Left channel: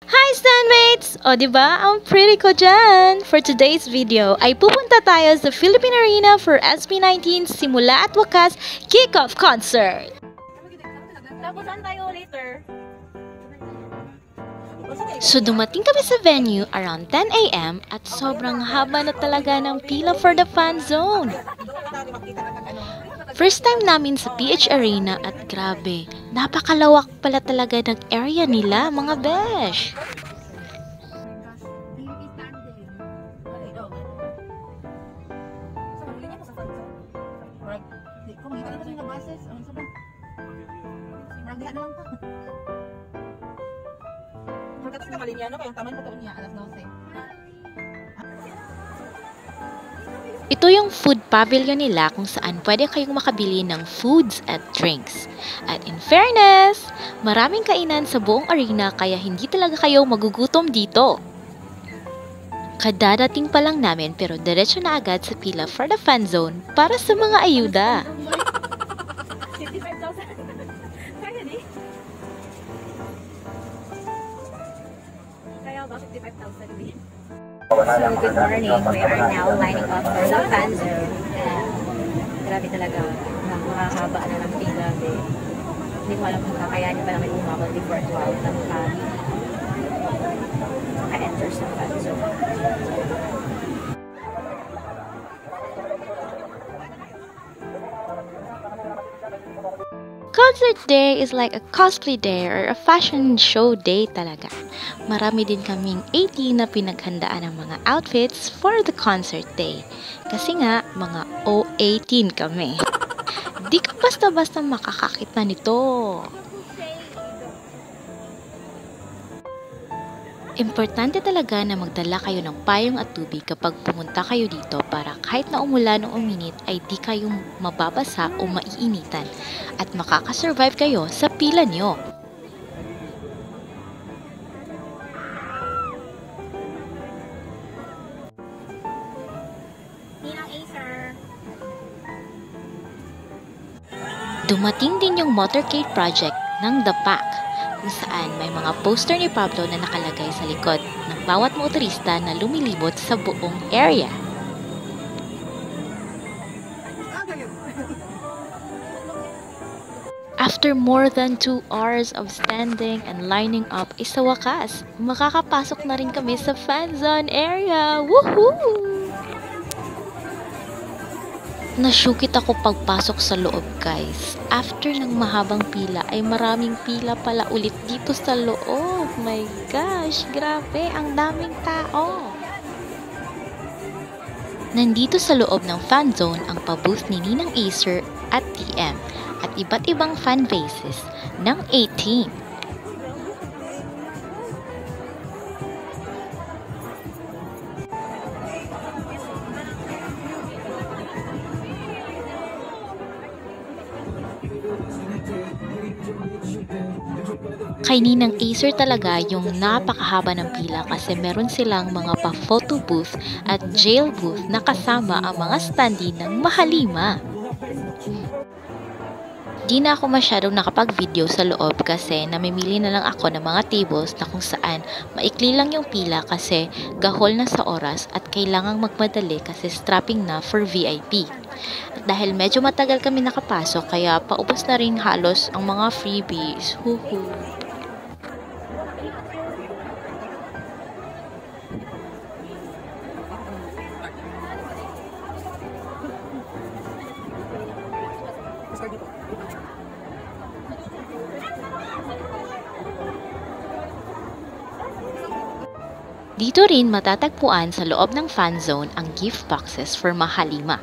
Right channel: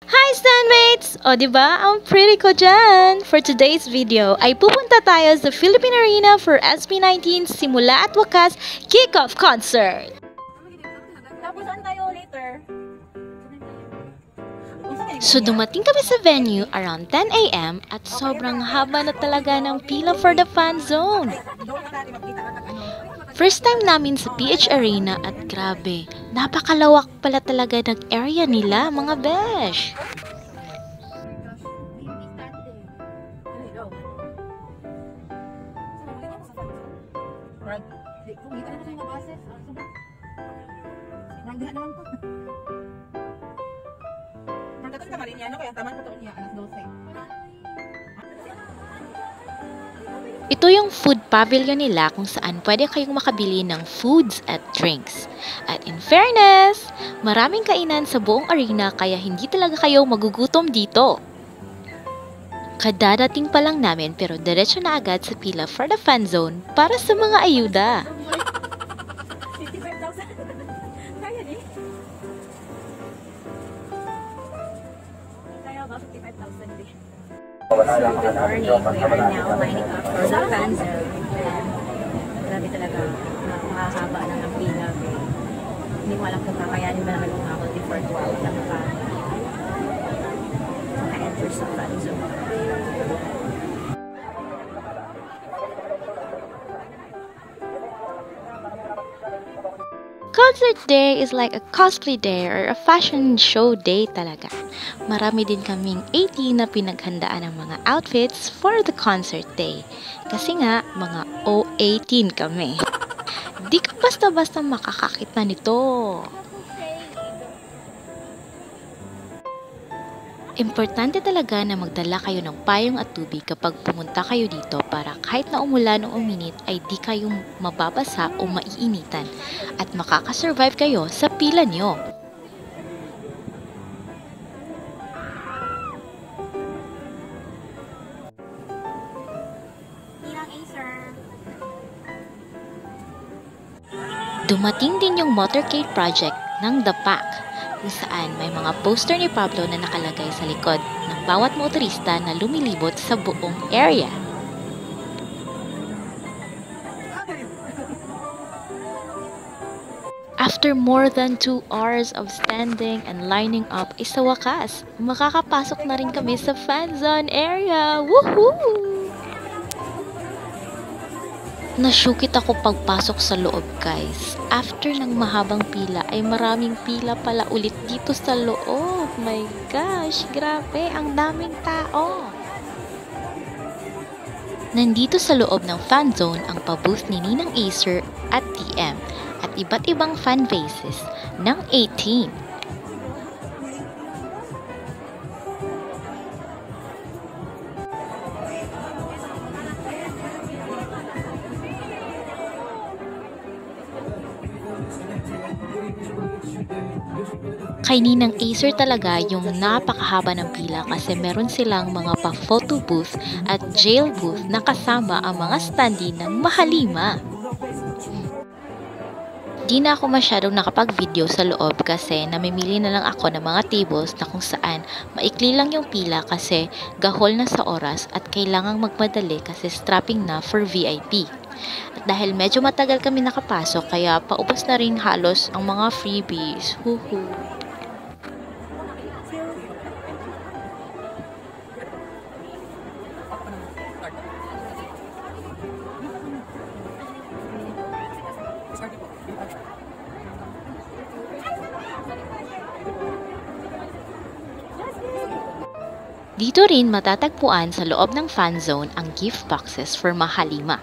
Hi Standmates! O diba, ang pretty ko dyan! For today's video ay pupunta tayo sa Philippine Arena for SB19 Simula at Wakas Kickoff Concert! Tapos saan tayo later? So dumating kami sa venue around 10 a.m. at sobrang haba na talaga ng pila for the fan zone. First time namin sa PH Arena at grabe, napakalawak pala talaga ng area nila mga besh. Ito yung food pavilion nila kung saan pwede kayong makabili ng foods at drinks. At in fairness, maraming kainan sa buong arena kaya hindi talaga kayo magugutom dito. Kadadating pa lang namin pero diretso na agad sa pila for the fan zone para sa mga ayuda. 55,000. Finally. Kaya ba 55,000? So, good morning. We are now lining up for the fan zone. Grabe talaga. Makakaba na ng pila. Hindi ko alam kung kakayanin ba namin umabot before 12 na maka-enter sa fan zone. Concert day is like a cosplay day or a fashion show day talaga. Marami din kaming 18 na pinaghandaan ng mga outfits for the concert day. Kasi nga, mga O18 kami. Di ka basta-basta makakakita nito. Importante talaga na magdala kayo ng payong at tubig kapag pumunta kayo dito para kahit na umulan o uminit ay di kayo mababasa o maiinitan at makakasurvive kayo sa pila nyo. Dumating din yung motorcade project ng The Pack, kung saan may mga poster ni Pablo na nakalagay sa likod ng bawat motorista na lumilibot sa buong area. After more than 2 hours of standing and lining up, sa wakas, makakapasok na rin kami sa fan zone area! Woohoo! Nasyukit ako pagpasok sa loob, guys. After ng mahabang pila ay maraming pila pala ulit dito sa loob. My gosh, grabe, ang daming tao. Nandito sa loob ng fan zone ang pabooth ni Ninang Acer at TM at iba't ibang fan bases ng 18. Kay Ninang Acer talaga yung napakahaba ng pila kasi meron silang mga pa-photo booth at jail booth na kasama ang mga standee ng Mahalima. Di na ako masyadong nakapag-video sa loob kasi namimili na lang ako ng mga tables na kung saan maikli lang yung pila kasi gahol na sa oras at kailangang magmadali kasi strapping na for VIP. At dahil medyo matagal kami nakapasok kaya paubos na rin halos ang mga freebies. Huhu. Dito rin matatagpuan sa loob ng fan zone ang gift boxes for Mahalima.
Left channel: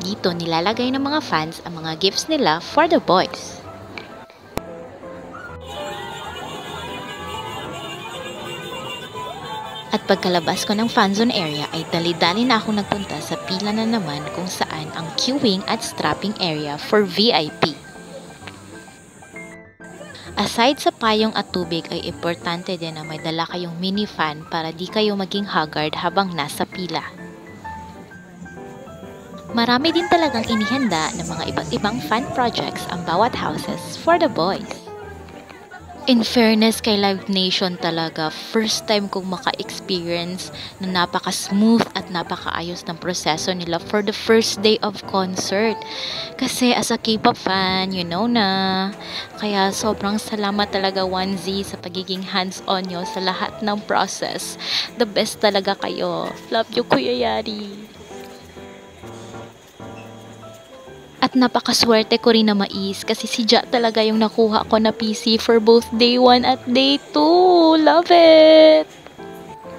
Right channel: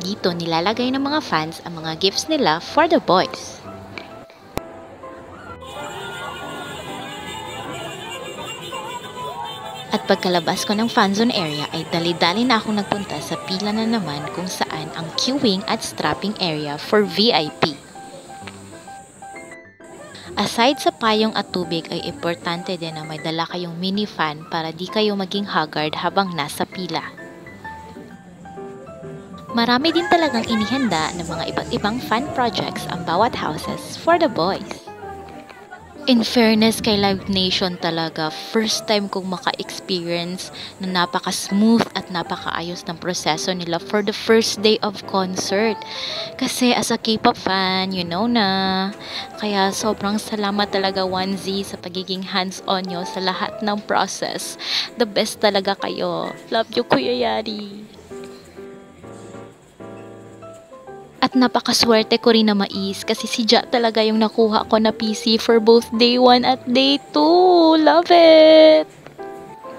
Dito nilalagay ng mga fans ang mga gifts nila for the boys. At pagkalabas ko ng fan zone area ay dali-dali na akong nagpunta sa pila na naman kung saan ang queuing at strapping area for VIP. Aside sa payong at tubig ay importante din na may dala kayong mini fan para di kayo maging haggard habang nasa pila. Marami din talagang inihanda ng mga iba't ibang fan projects ang bawat houses for the boys. In fairness kay Live Nation talaga, first time kong maka-experience na napaka-smooth at napakaayos ng proseso nila for the first day of concert. Kasi as a K-pop fan, you know na. Kaya sobrang salamat talaga 1Z sa pagiging hands-on nyo sa lahat ng process. The best talaga kayo. Love you, Kuya Yari. At napakaswerte ko rin na mais kasi si Ja talaga yung nakuha ko na PC for both day 1 at day 2. Love it!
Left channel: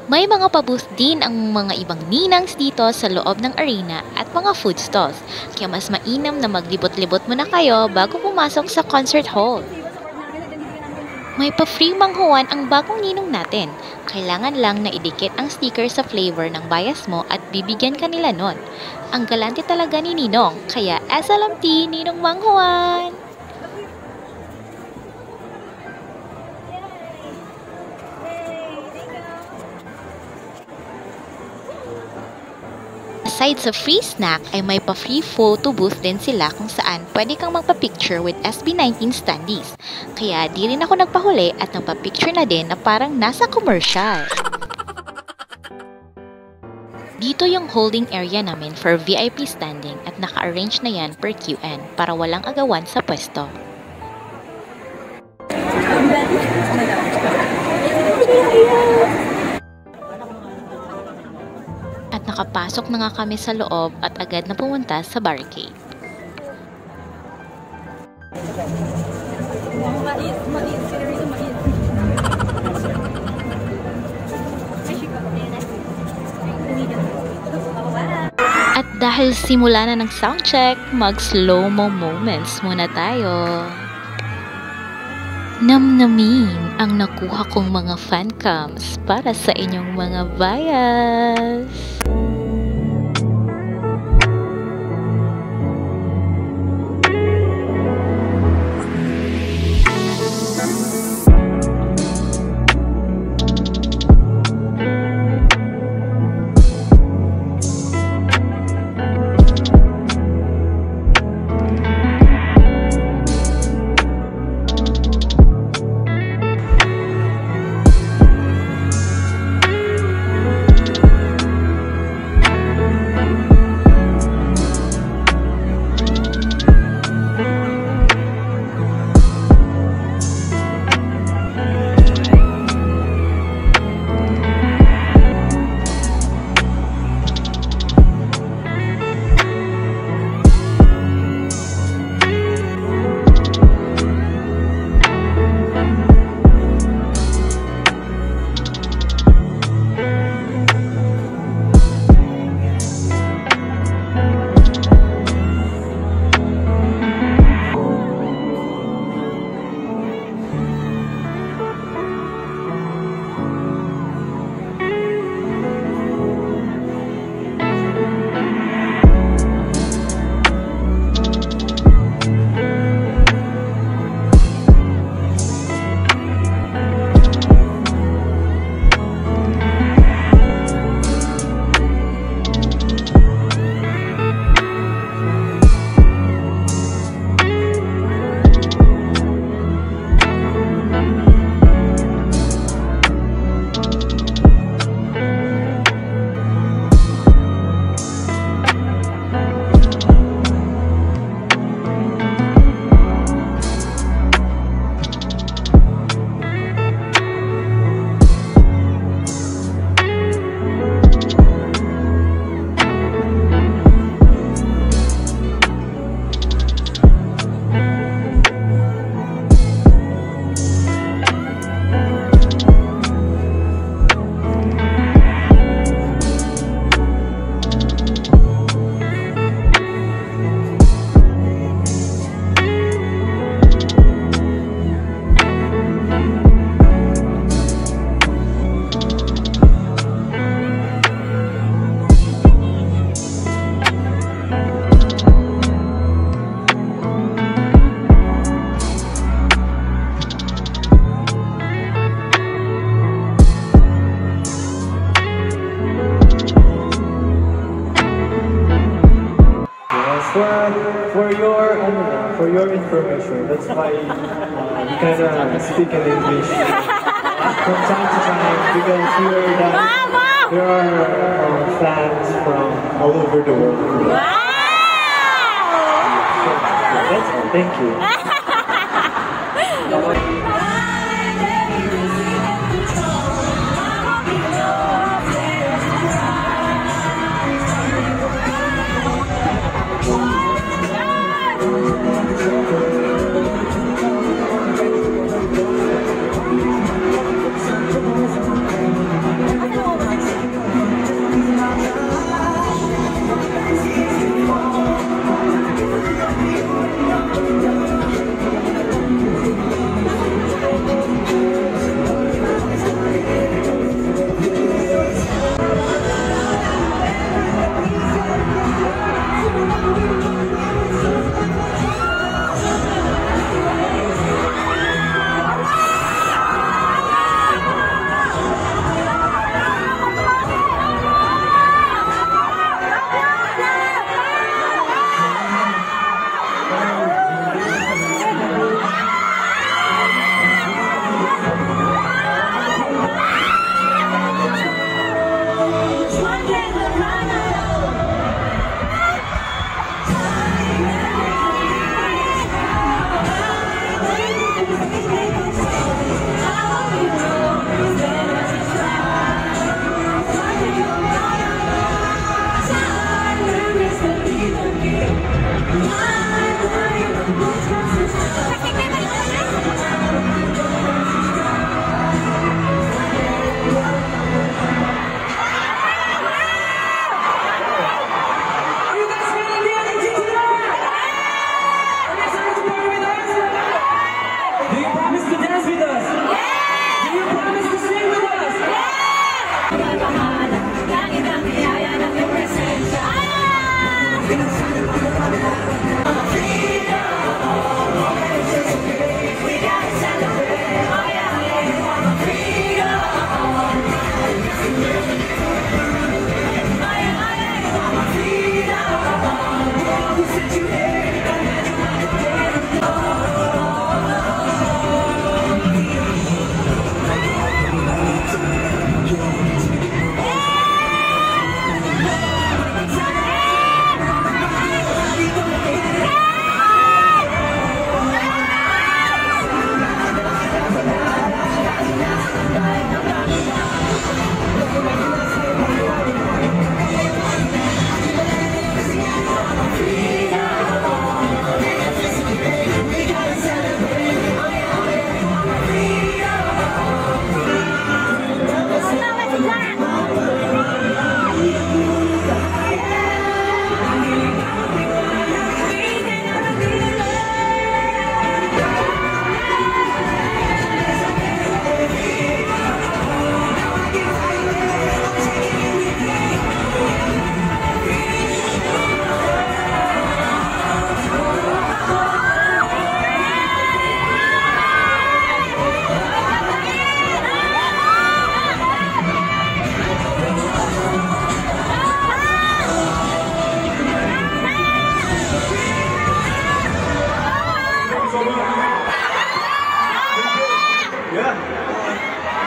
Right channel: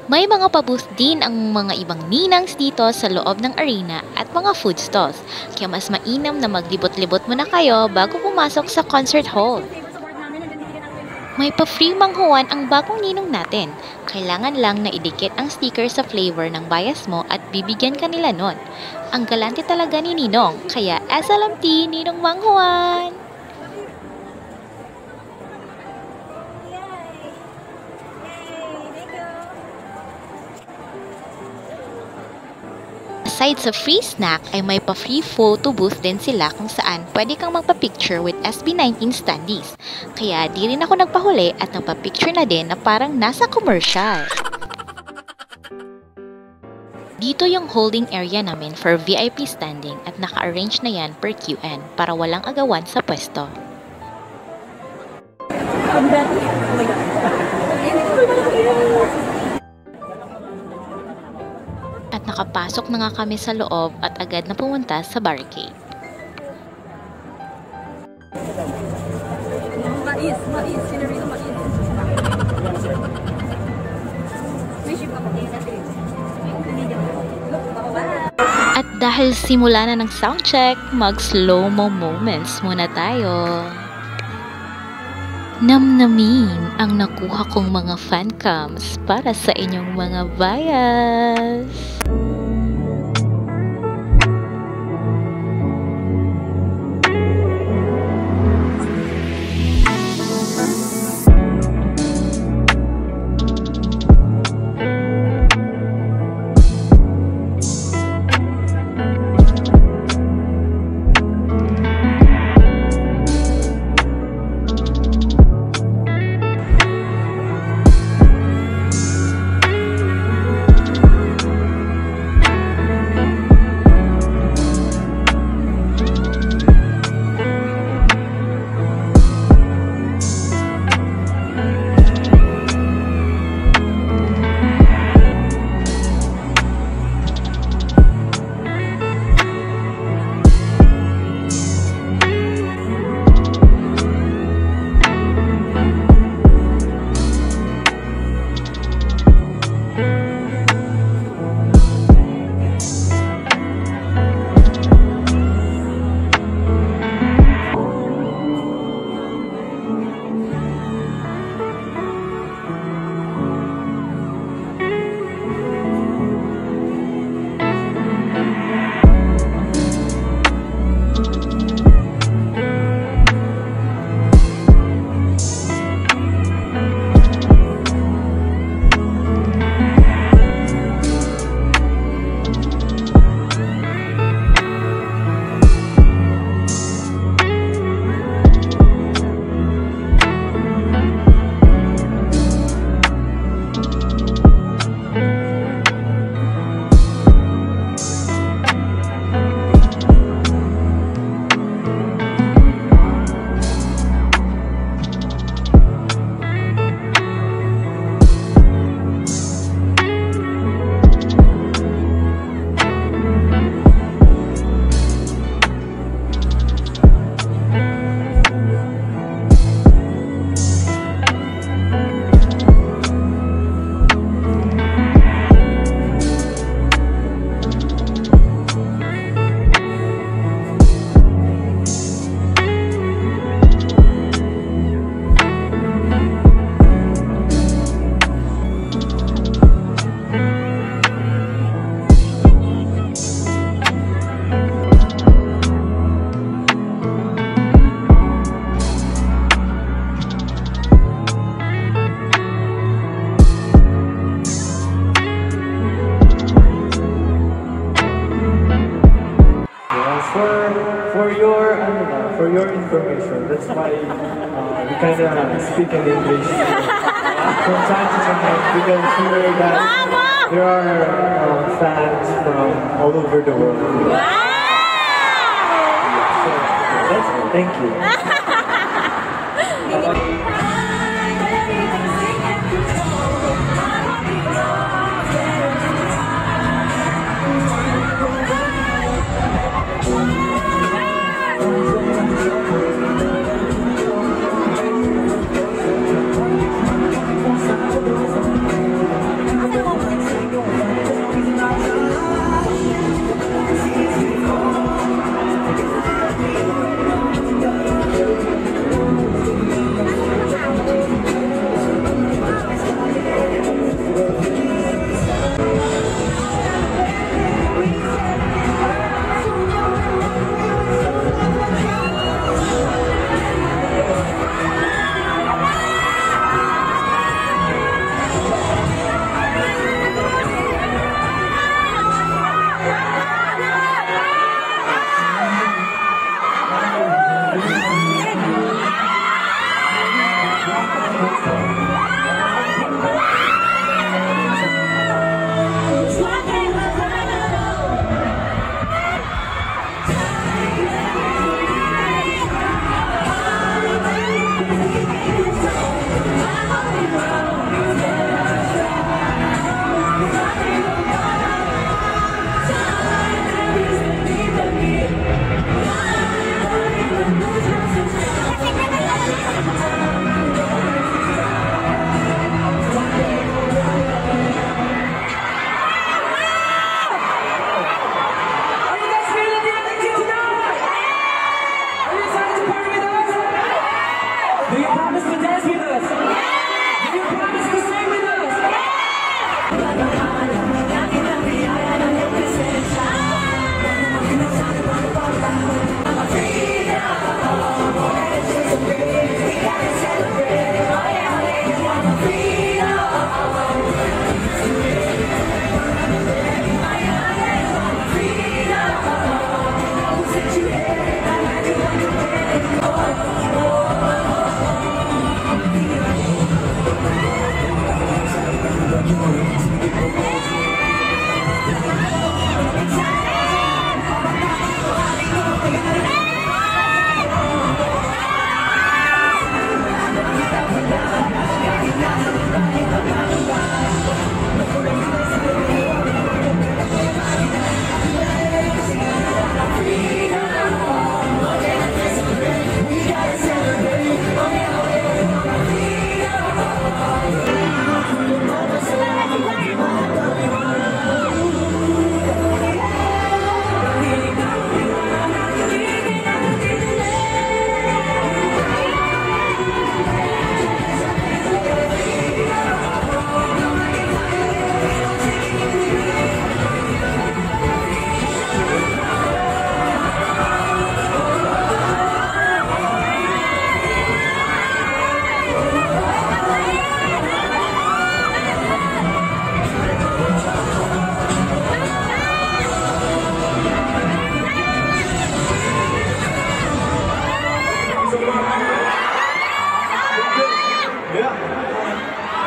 May mga pa-booth din ang mga ibang ninangs dito sa loob ng arena at mga food stalls. Kaya mas mainam na maglibot-libot muna kayo bago pumasok sa concert hall. May pa-free manghuwan ang bagong ninong natin. Kailangan lang na idikit ang sticker sa flavor ng bias mo at bibigyan ka nila nun. Ang galante talaga ni Ninong, kaya SLMT Ninong Manghuwan! Aside sa free snack ay may pa-free photo booth din sila kung saan pwede kang magpa-picture with SB19 standees. Kaya di rin ako nagpahuli at nagpa-picture na din na parang nasa commercial. Dito yung holding area namin for VIP standing at naka-arrange na yan per QN para walang agawan sa pwesto. At nakapasok na nga kami sa loob at agad na pumunta sa barricade. At dahil simula na ng soundcheck, mag-slow-mo moments muna tayo. Namnamin ang nakuha kong mga fancams para sa inyong mga bias. your information. That's why we kind of speak in English from time to time because we know that there are fans from all over the world. That's all. Thank you.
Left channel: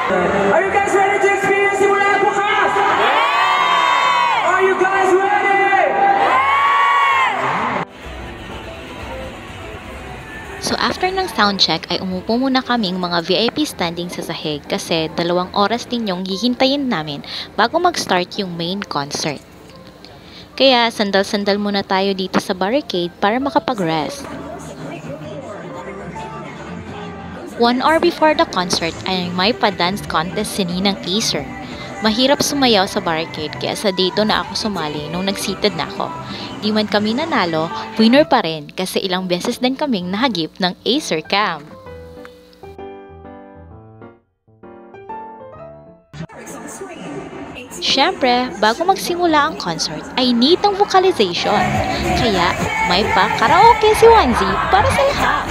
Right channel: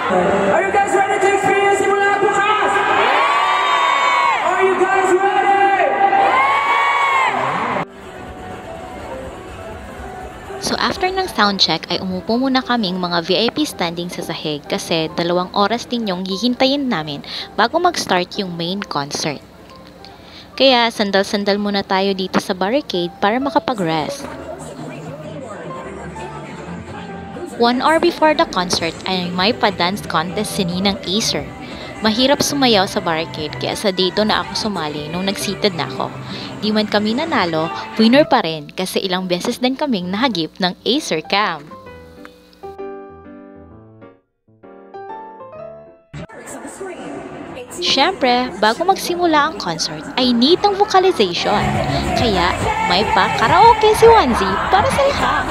Are you guys ready to experience Simula Bukas? Are you guys ready? So after ng soundcheck ay umupo muna kaming mga VIP standing sa sahig kasi 2 oras din yung hihintayin namin bago mag-start yung main concert. Kaya sandal-sandal muna tayo dito sa barricade para makapag-rest. 1 hour before the concert ay may pa-dance contest si Ninang Acer. Mahirap sumayaw sa barricade kaya sa dito na ako sumali nung nag-seated na ako. Di man kami nanalo, winner pa rin kasi ilang beses din kaming nahagip ng Acer Cam. Siyempre, bago magsimula ang concert ay need ng vocalization. Kaya may pa karaoke si Wanzi para sa lahat.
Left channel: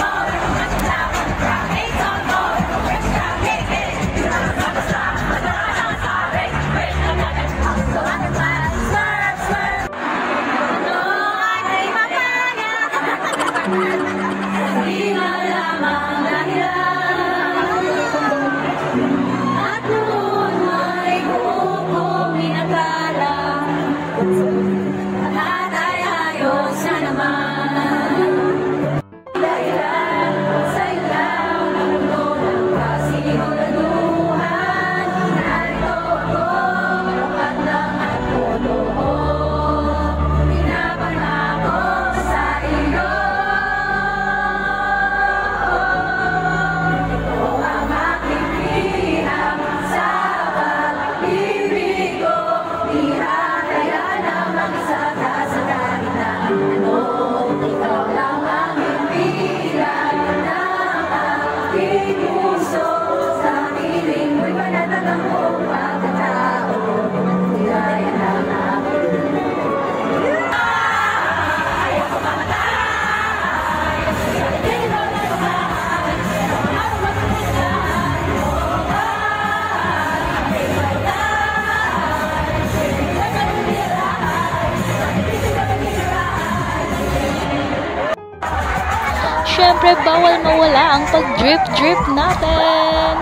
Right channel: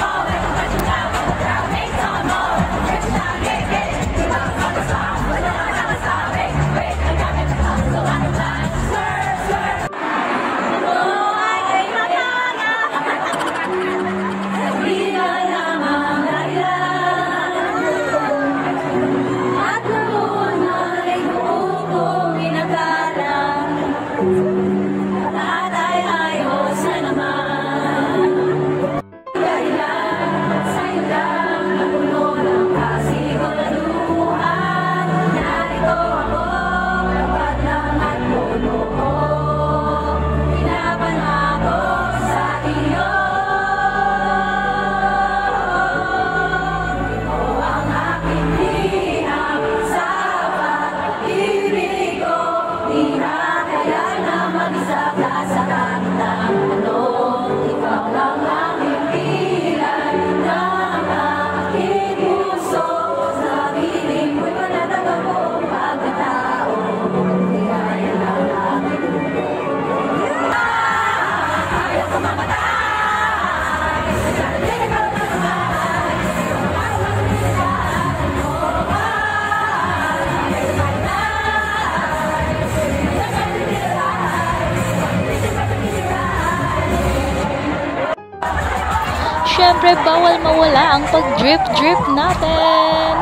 syempre bawal mawala ang pag-drip-drip natin.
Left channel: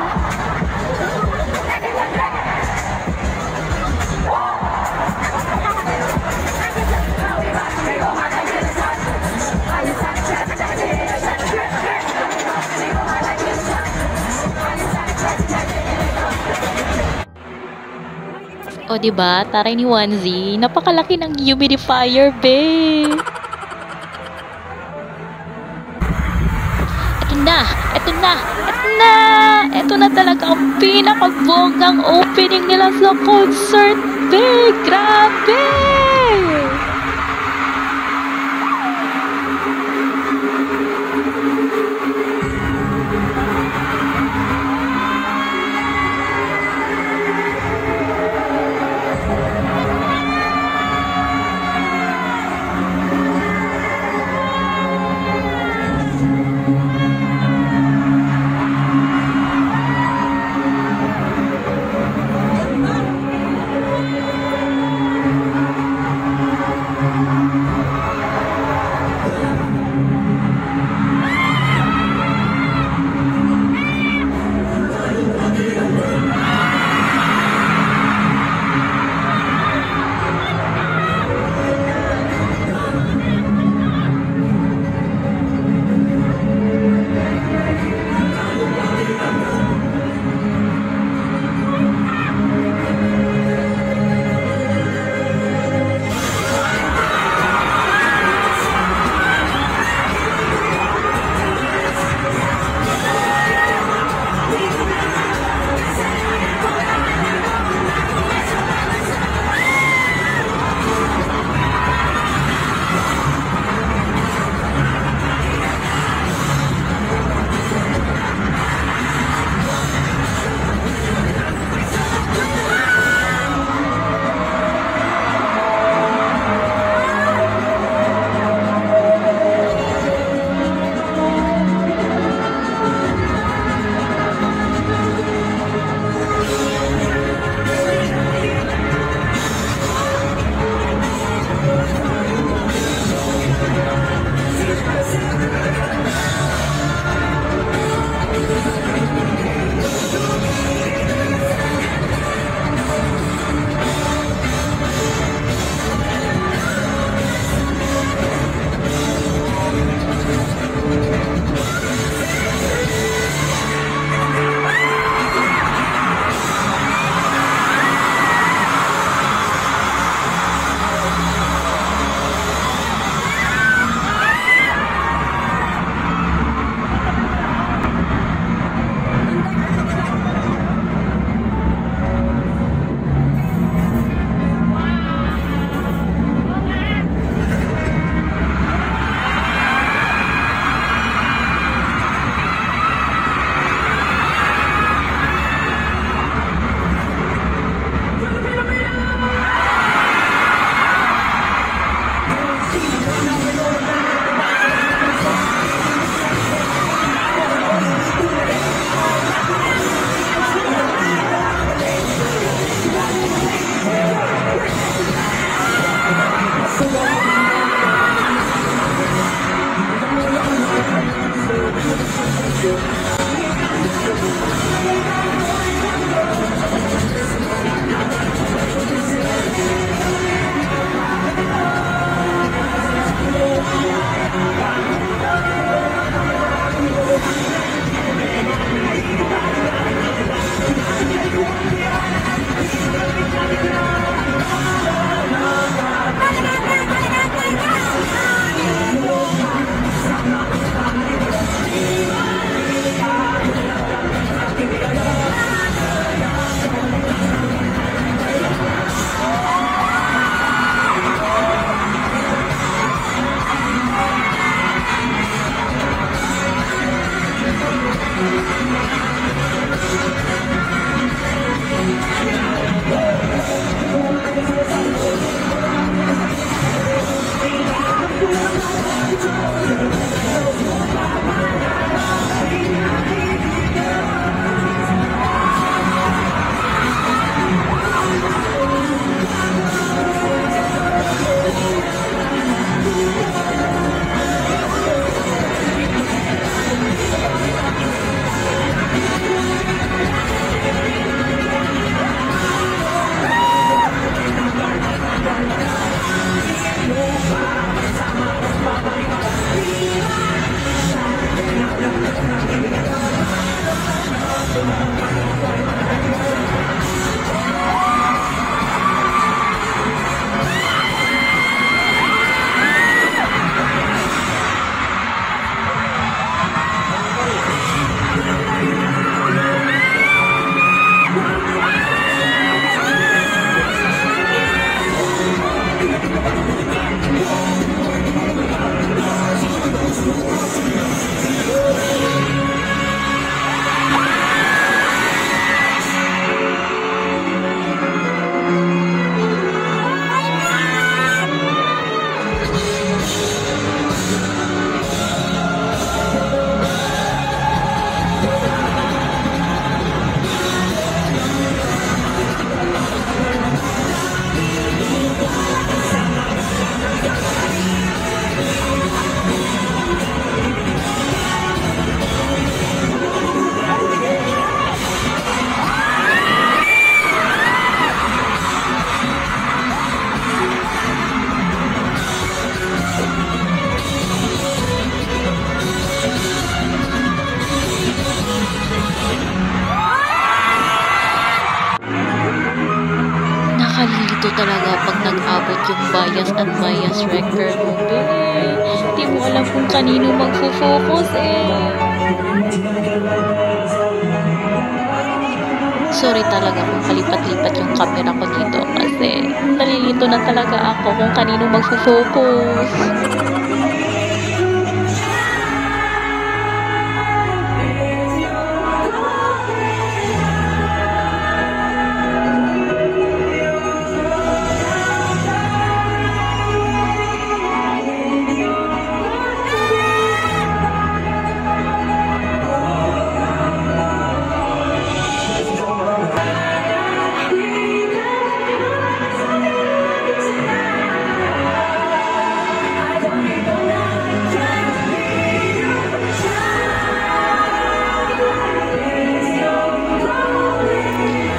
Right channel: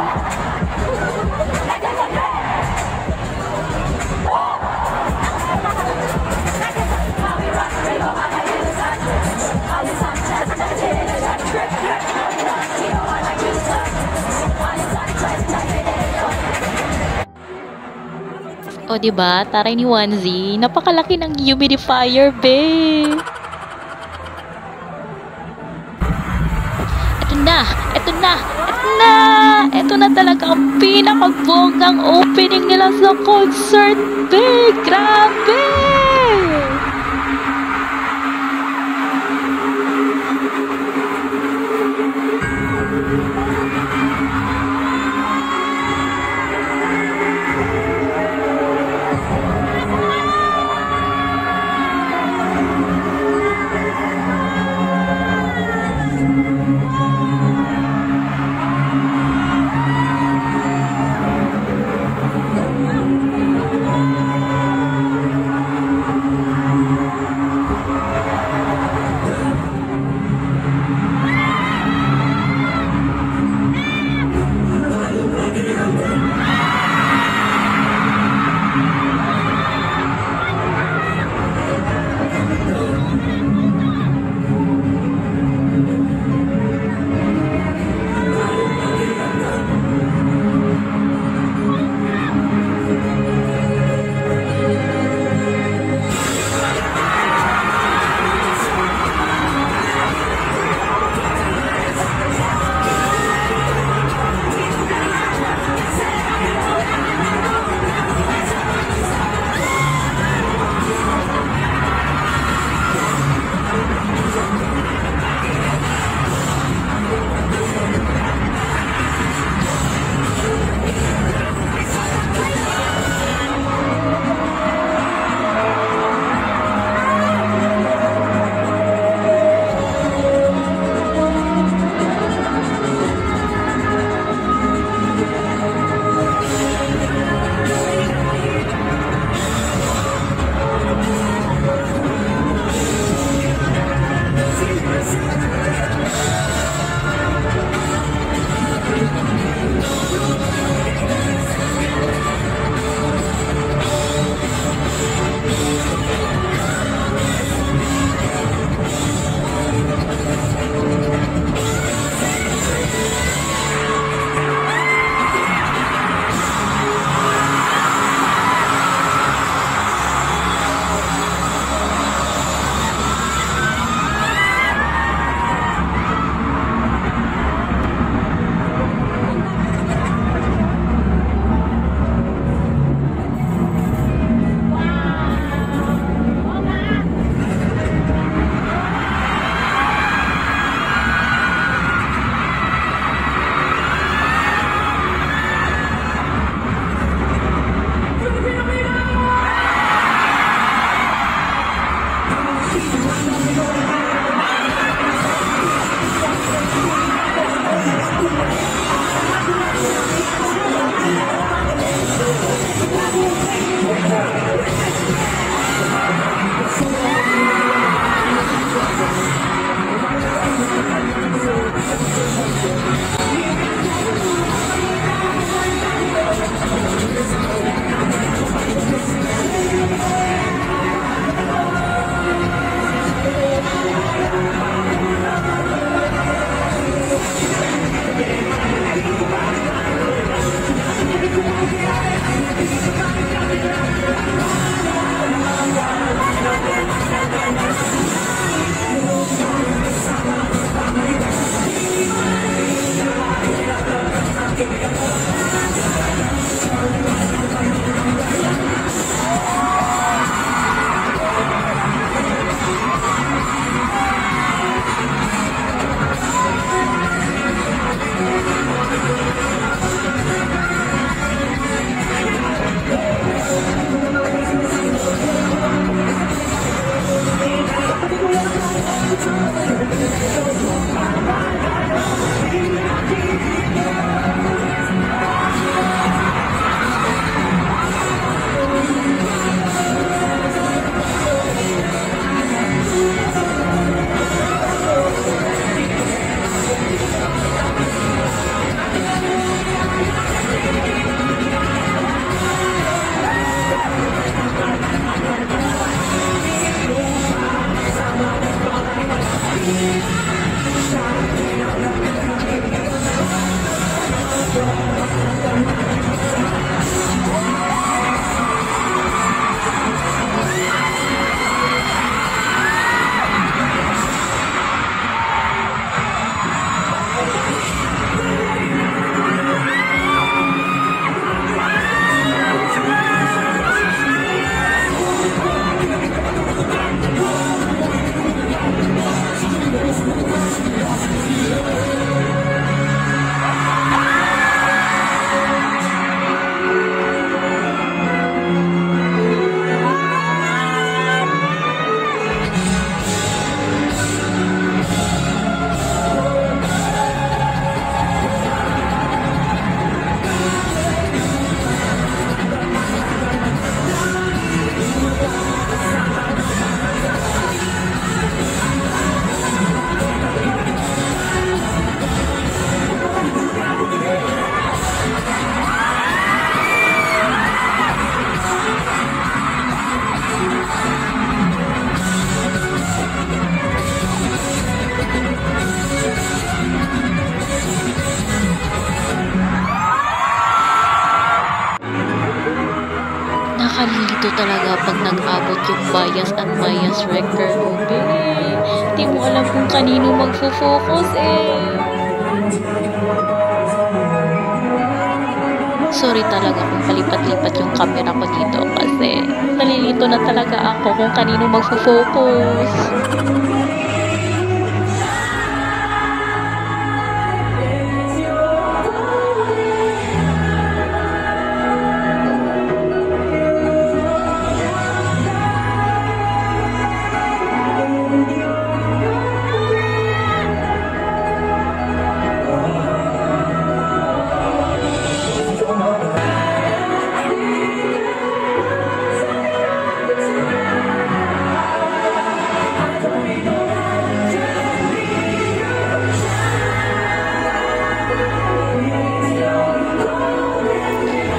O diba, taray ni Wanzi, napakalaki ng humidifier, be. Ito na, ito na, ito na. Ito na talaga ang pinakabonggang opening nila sa concert, be. Grabe! Nakakalito talaga pag nag-abot yung bias at bias wrecker mo, be. Di mo alam kung kanino magfo-focus eh. Sorry talaga kung palipat-lipat yung camera ko dito kasi nalilito na talaga ako kung kanino magfo-focus.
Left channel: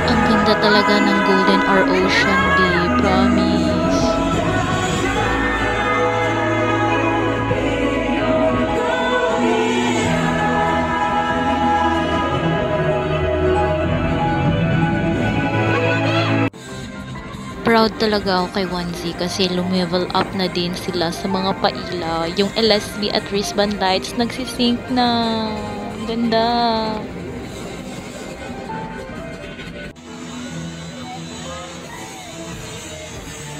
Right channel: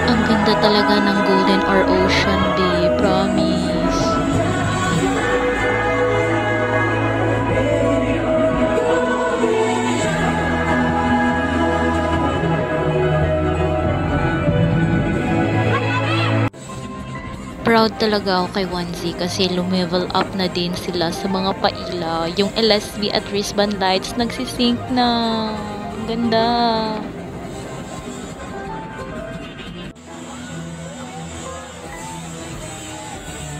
Ang ganda talaga ng Golden or Ocean, babe. Promise. Proud talaga ako kay 1Z kasi lumevel up na din sila sa mga paila. Yung LSB at wristband lights nagsisync na. Ang ganda.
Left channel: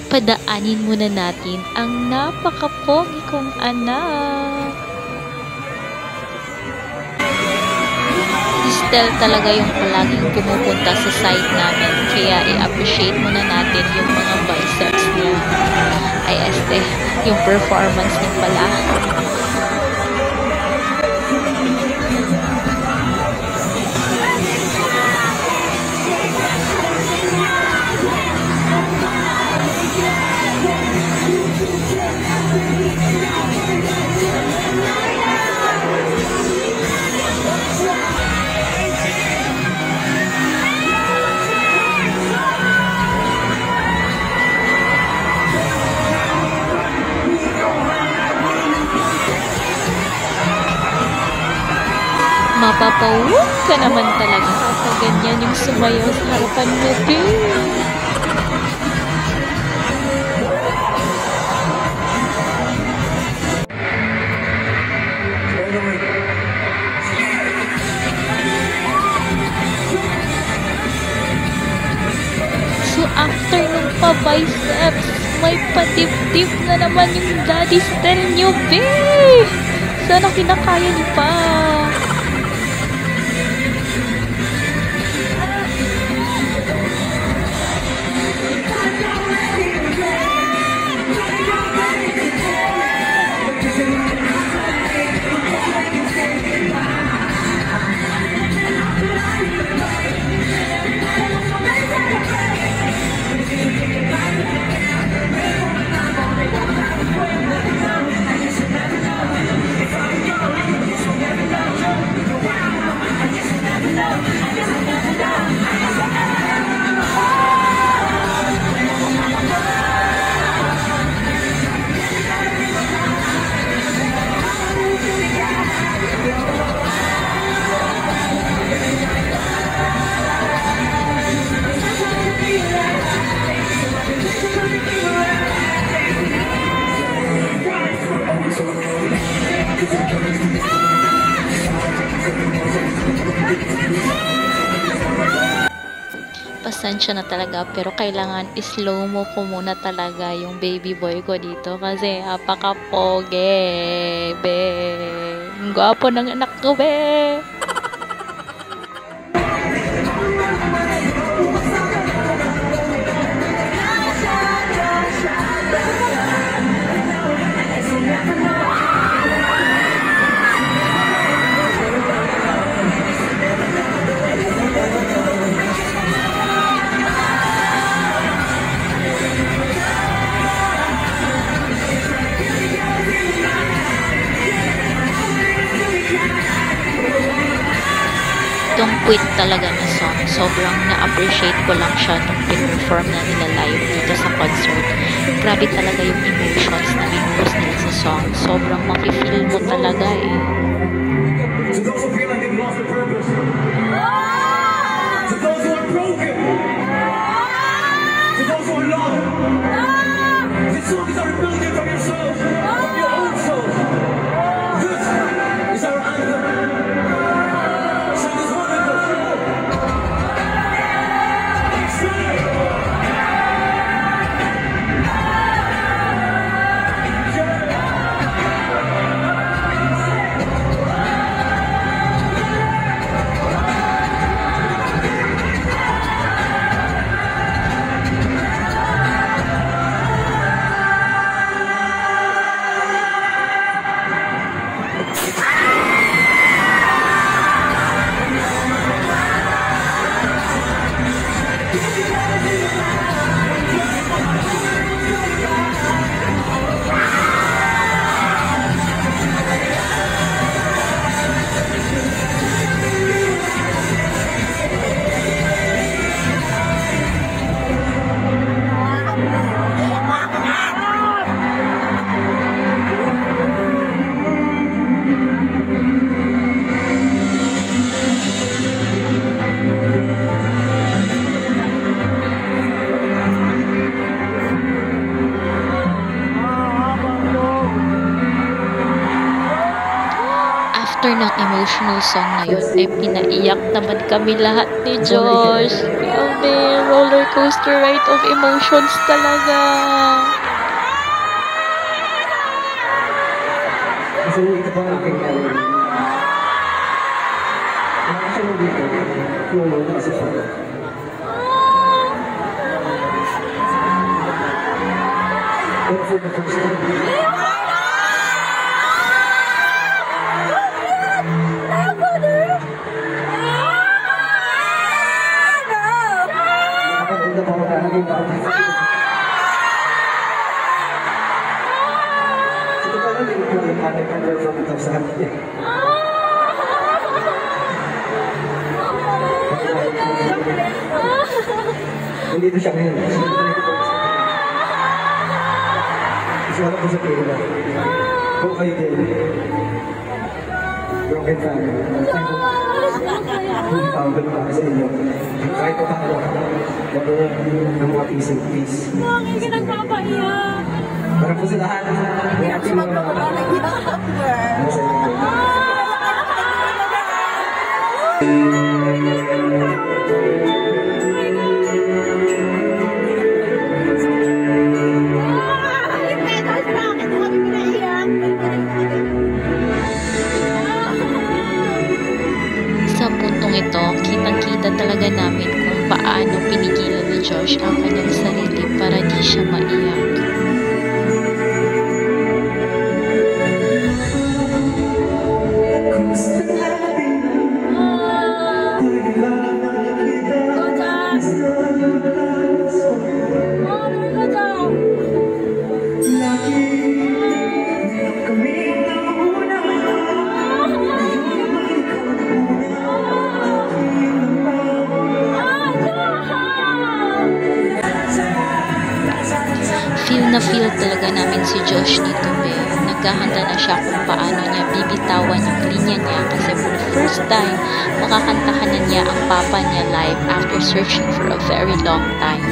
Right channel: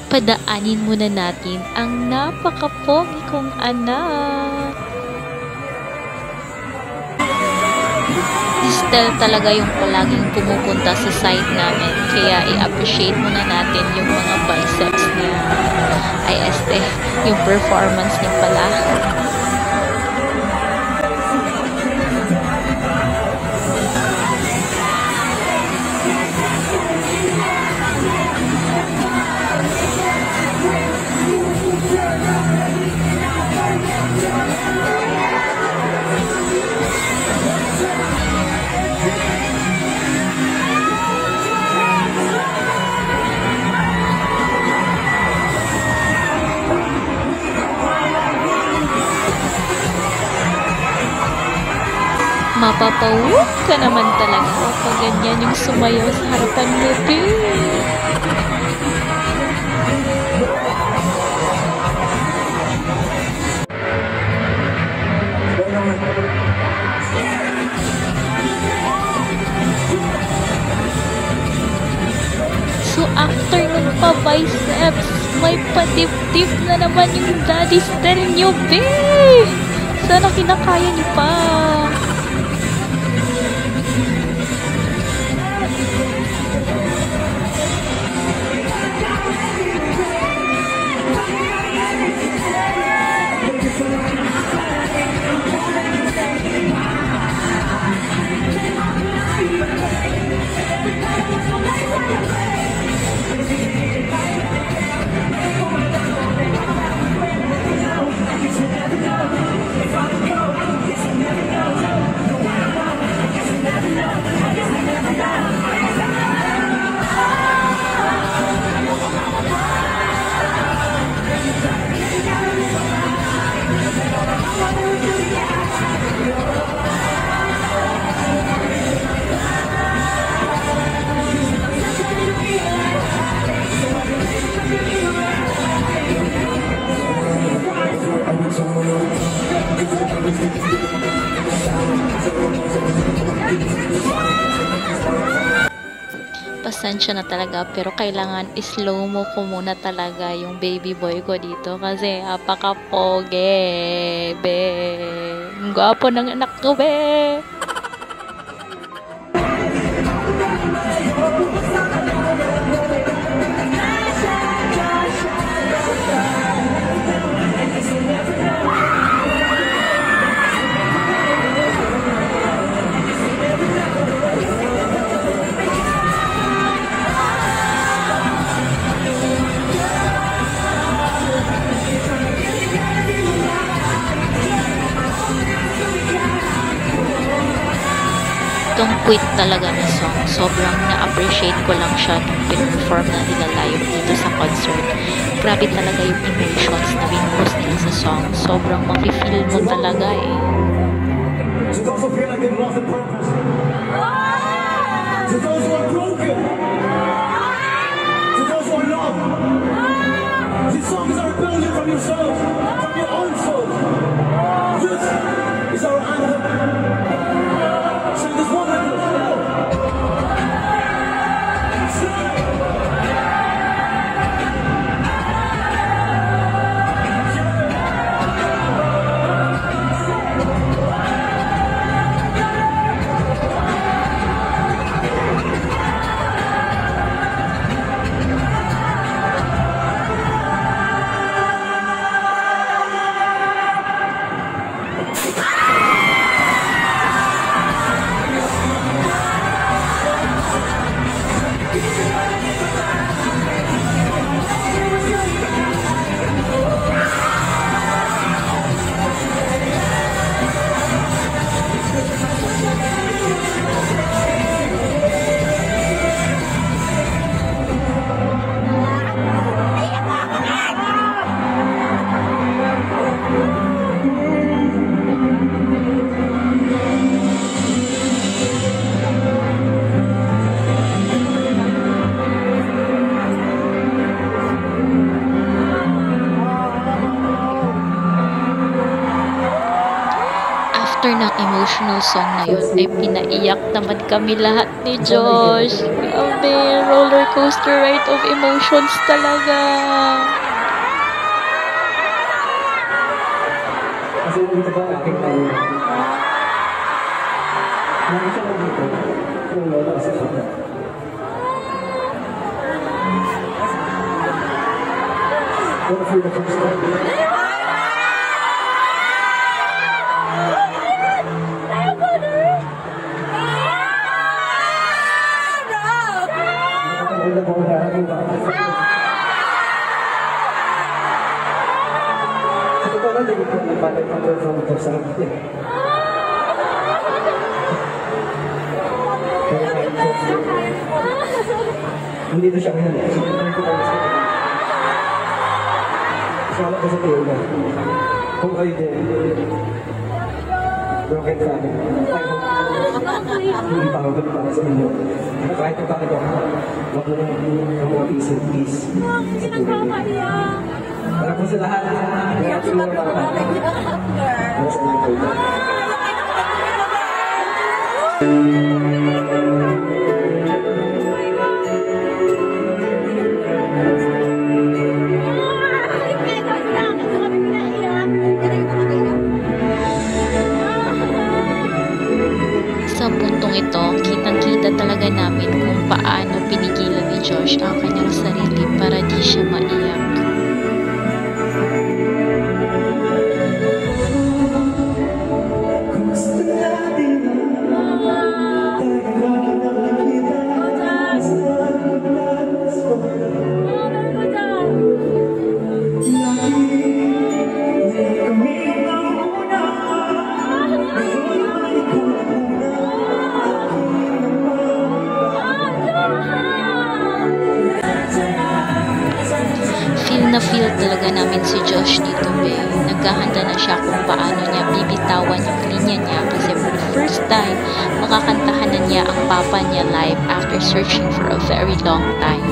Padaanin muna natin ang napaka-pogi kong anak. Distel talaga yung palaging pumupunta sa site namin. Kaya i-appreciate muna natin yung mga biceps niya. Ay yung performance niya pala. Mapapawag ka naman talaga kapag ganyan yung sumayaw sa harapan mo, babe. So after nung pa-biceps, may padibdib na naman yung daddy style nyo, babe. Sana kinakaya nyo pa. Pasensya na talaga pero kailangan slow mo ko muna talaga yung baby boy ko dito kasi apaka-pogi, be. Ang gwapo ng anak ko, be. Don't Quit talaga na song. Sobrang na-appreciate ko lang siya nung pinperform na nila live dito sa concert. Grabe talaga yung emotions na binuhos nila sa song. Sobrang mafe-feel mo talaga eh. To those who feel like they've lost their purpose. To those who are broken. To those who After ng emotional song na yun, ay pinaiyak naman kami lahat ni Josh. Grabe, roller coaster ride of emotions talaga. Kasi ito pa ang aking ano siya nandito? Yung lola kasi siya. Pero for the first time, nakakaganda pa ako nakakita. Sa totoo lang, hindi ko paano i-perform ito sa akin. Hindi ito siya ngayon. Isama ko sa pera. Kung kayo din. Bakit ka? Hindi tawag na para sa inyo. Kahit na tayo gagawin ng mga piece. Bakit ka nagpapaiyak? Para po sa lahat. Kaya po yung mga nasa inyo. Sa puntong ito, kitang-kita talaga namin kung paano pinigilan ni Josh ang kanyang sarili para di siya maiyak. Feel talaga namin si Josh dito, be. Naghahanda na siya kung paano niya bibitawan yung linya niya kasi for the first time, makakantahan na niya ang papa niya live after searching for a very long time.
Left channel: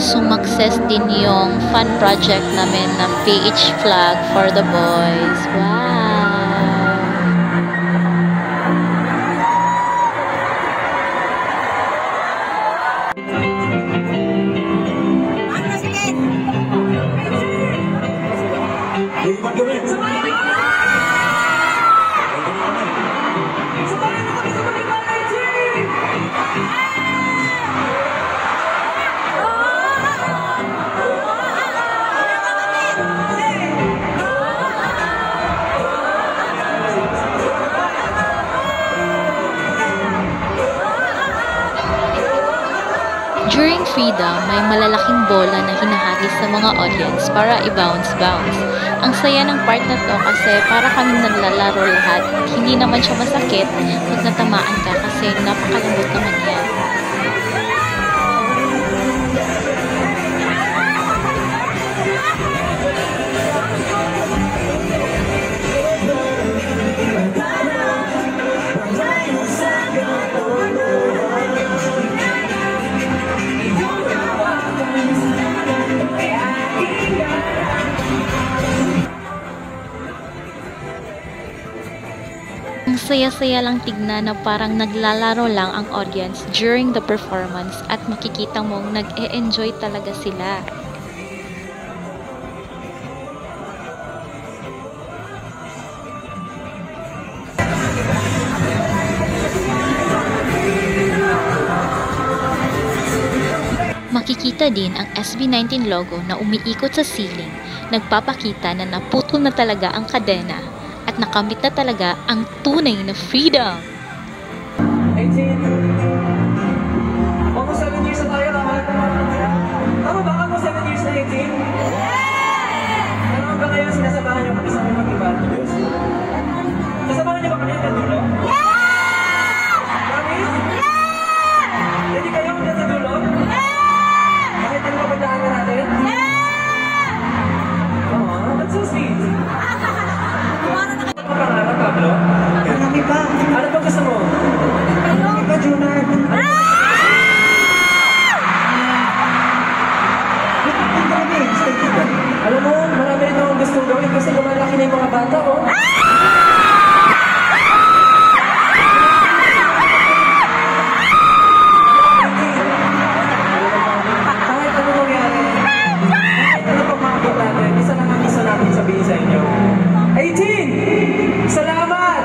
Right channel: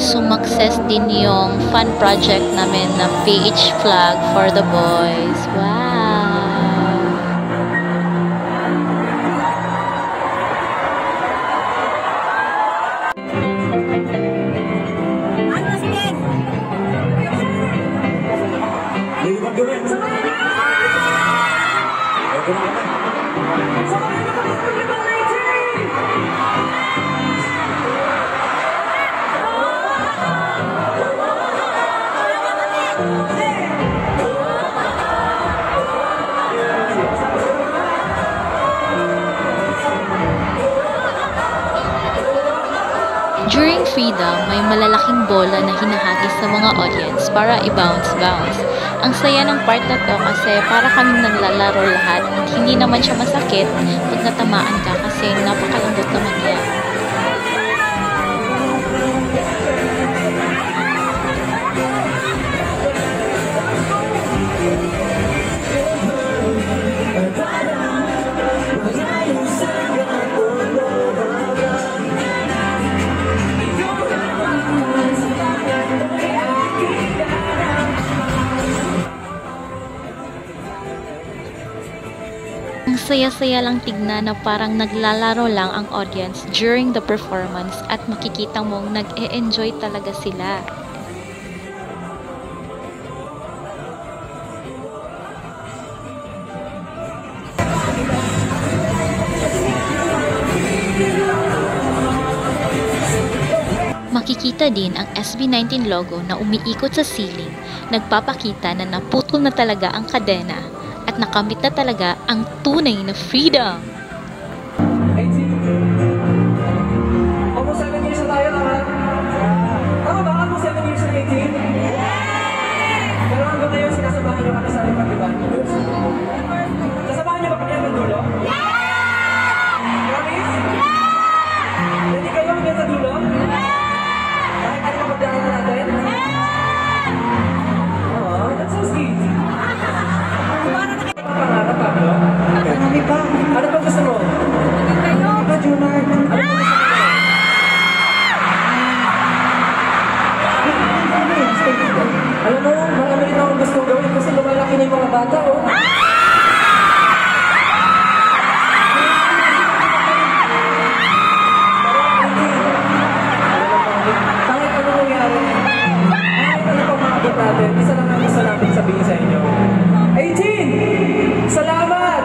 Sumakses din yung fun project namin na PH flag for the boys. Wow! During Freedom, may malalaking bola na hinahagis sa mga audience para i-bounce-bounce. Ang saya ng part na to kasi para kaming naglalaro lahat. Hindi naman siya masakit pag natamaan ka kasi napakalambot naman yan. Ang saya-saya lang tignan na parang naglalaro lang ang audience during the performance at makikita mong nag-e-enjoy talaga sila. Makikita din ang SB19 logo na umiikot sa ceiling, nagpapakita na naputol na talaga ang kadena at nakamit na talaga ang tunay na freedom. 18. Almost 7 years na tayo, tama? Tama ba? Almost 7 years na 18? Pero hanggang ngayon, sinasamahan niyo kami sa aming pag-iban. Sasamahan niyo ba kami hanggang dulo? Promise? Hindi kayo hanggang sa dulo? Kahit ano pa kadaanan natin? Oh, that's so sweet. Ano pangarap, Pablo? Marami pa. Ano pa gusto mo? Marami pa, Junard. Ano pa gusto mo? Alam mo, marami rin akong gustong gawin kasi lumalaki na yung mga bata, oh. Kahit ano nangyari, kahit ano pang maabot natin, isa lang ang gusto namin sabihin sa inyo. 18! Salamat!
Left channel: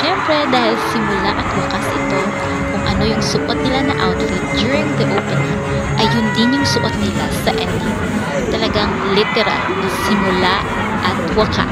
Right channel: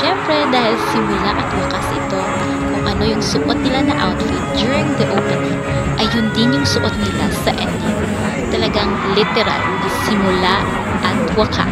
Syempre dahil simula at wakas ito, kung ano yung suot nila na outfit during the opening, ay yun din yung suot nila sa ending. Talagang literal na simula at wakas.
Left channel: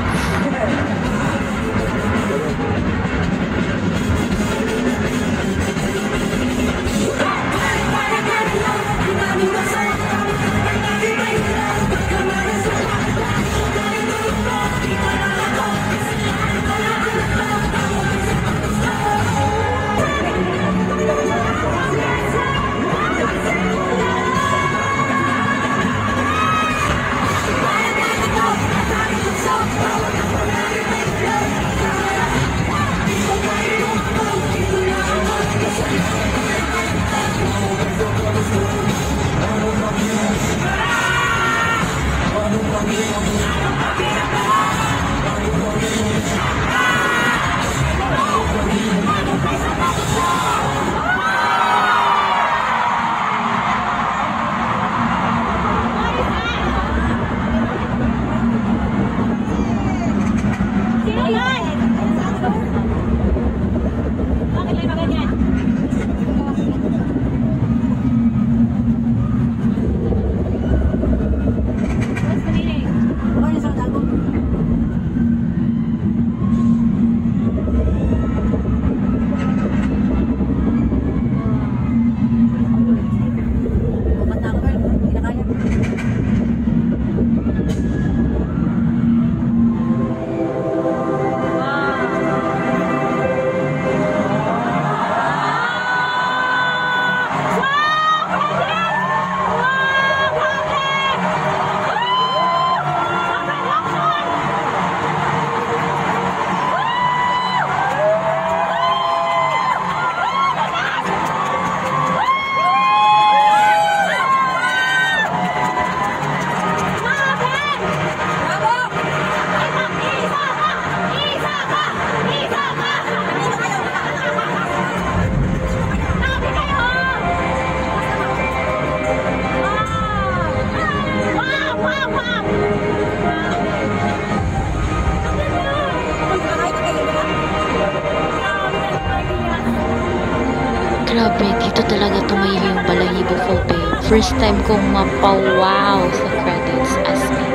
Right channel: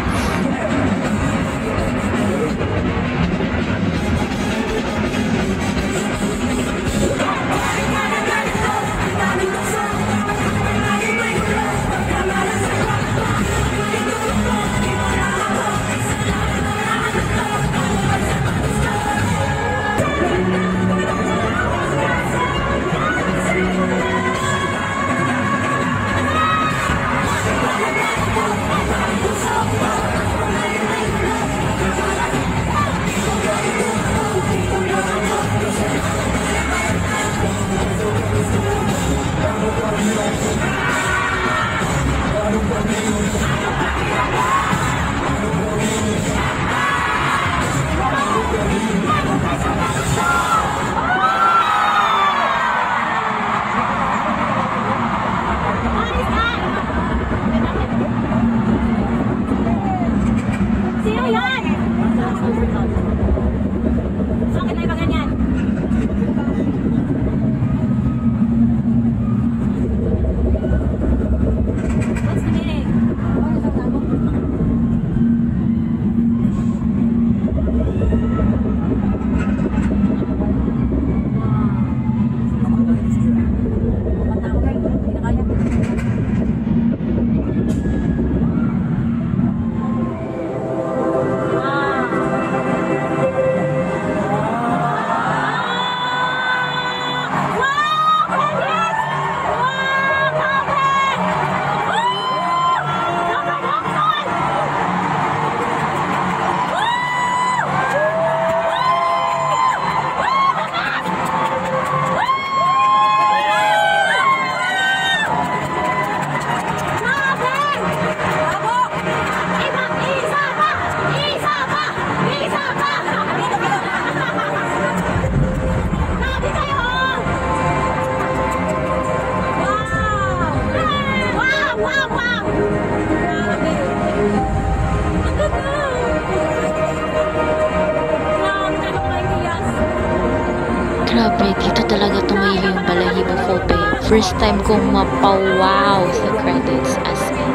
Grabe, dito talaga tumayo yung balahibo ko, be. First time kong mapawaw sa credits, as in.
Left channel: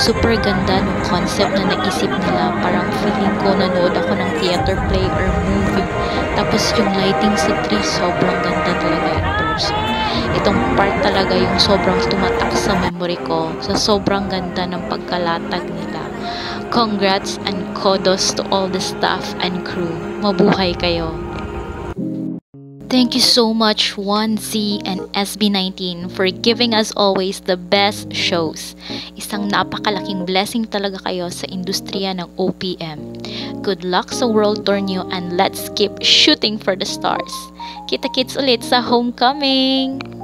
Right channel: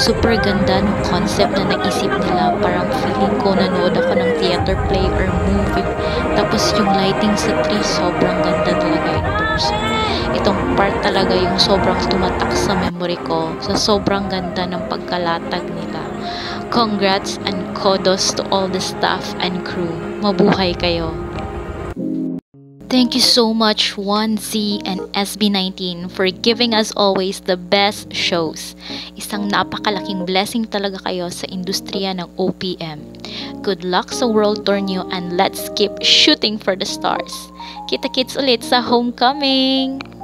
Super ganda nung concept na naisip nila. Parang feeling ko nanood ako ng theater play or movie. Tapos yung lighting sa tree, sobrang ganda talaga in person. Itong part talaga yung sobrang tumatak sa memory ko sa sobrang ganda ng pagkalatag nila. Congrats and kudos to all the staff and crew. Mabuhay kayo! Thank you so much 1Z and SB19 for giving us always the best shows. Isang napakalaking blessing talaga kayo sa industriya ng OPM. Good luck sa world tour nyo and let's keep shooting for the stars. Kita-kits ulit sa homecoming!